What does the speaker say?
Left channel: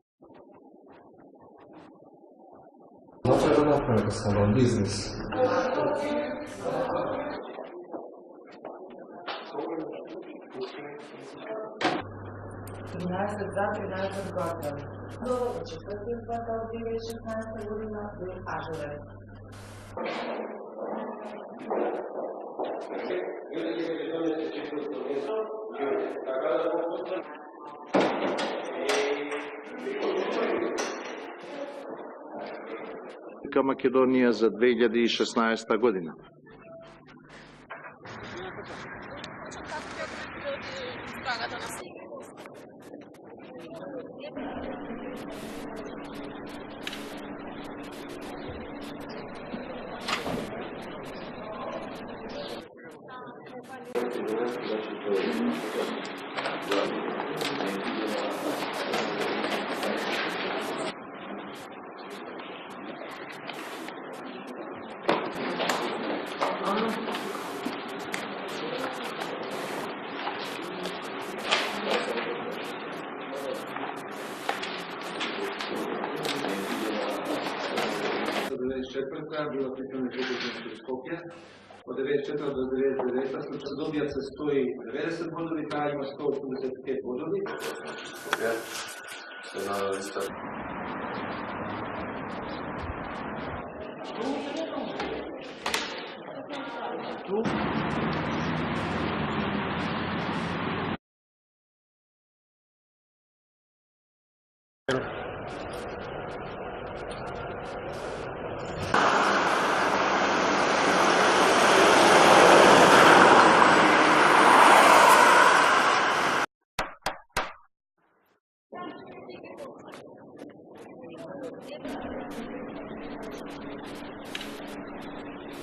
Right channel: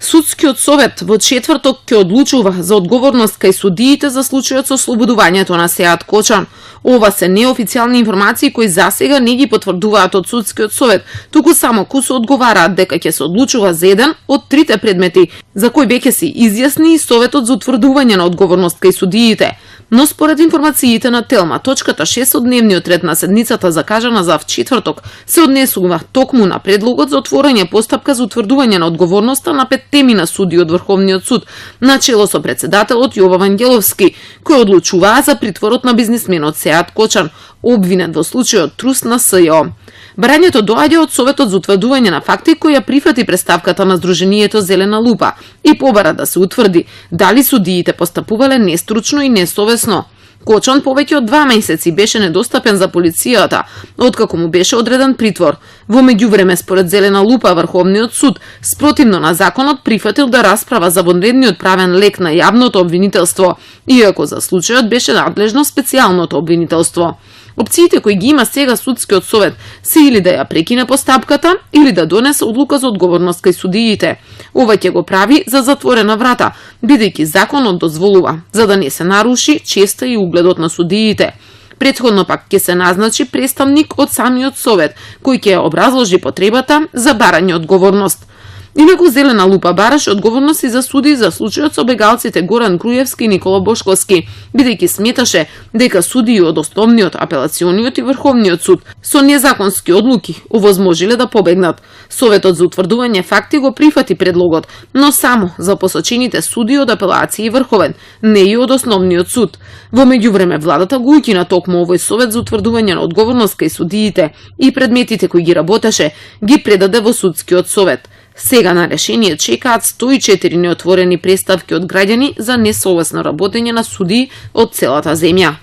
Судскиот совет во четврток ќе одлучува за одговорност кај судиите за случајот со ослободувањето на Сеат Кочан. Ова се неофицијални информации кои засега не ги потврдуваат од судскиот совет, туку само кусо одговараат дека ќе се одлучува за еден од трите предмети за кои веќе се изјасни и советот за утврдување на одговорност кај судиите. Но според информациите на Телма, точката 6 од дневниот ред на седницата закажана за четврток се однесува токму на предлогот за отворање постапка за утврдување на одговорноста на 5 темина суди од Врховниот суд, начело со председателот Јова Вангеловски, кој одлучуваа за притворот на бизнисменот Сеат Кочан, обвинет во случајот труст на СЈО. Барањето доаѓа од Советот за утврдување на факти кој ја прифати представката на Сдруженијето Зелена лупа и побара да се утврди дали судиите постапувале нестручно и несовесно. Кочан повеќе од 2 месеци беше недостапен за полицијата, откако му беше одреден притвор. Во меѓувреме, според Зелена лупа, Врховниот суд, спротивно на законот, прифатил да расправа за вонредниот правен лек на јавното обвинителство, иако за случајот беше надлежно специјалното обвинителство. Опциите кои ги има сега судскиот совет се или да ја прекине постапката, или да донесе одлука за одговорност кај судиите. Ова ќе го прави за затворена врата, бидејќи законот дозволува, за да не се наруши честа и угледот на судиите. Претходно пак ќе се назначи представник од самиот совет, кој ќе образложи потребата за барање одговорност. Инаку Зелена лупа бараше одговорност и за суди за случајот со бегалците Горан Груевски и Никола Бошковски, бидејќи сметаше дека судии од Основниот, Апелациониот и Врховниот суд со незаконски одлуки овозможиле да побегнат. Советот за утврдување факти го прифати предлогот, но само за посочените суди од Апелација и Врховен, не и од Основниот суд. Во меѓувреме владата го укина токму овој совет за утврдување на одговорност кај судиите и предметите кои ги работеше ги предаде во судскиот совет. Сега на решение чекаат 104 неотворени преставки од граѓани за несовесно работење на судии од целата земја.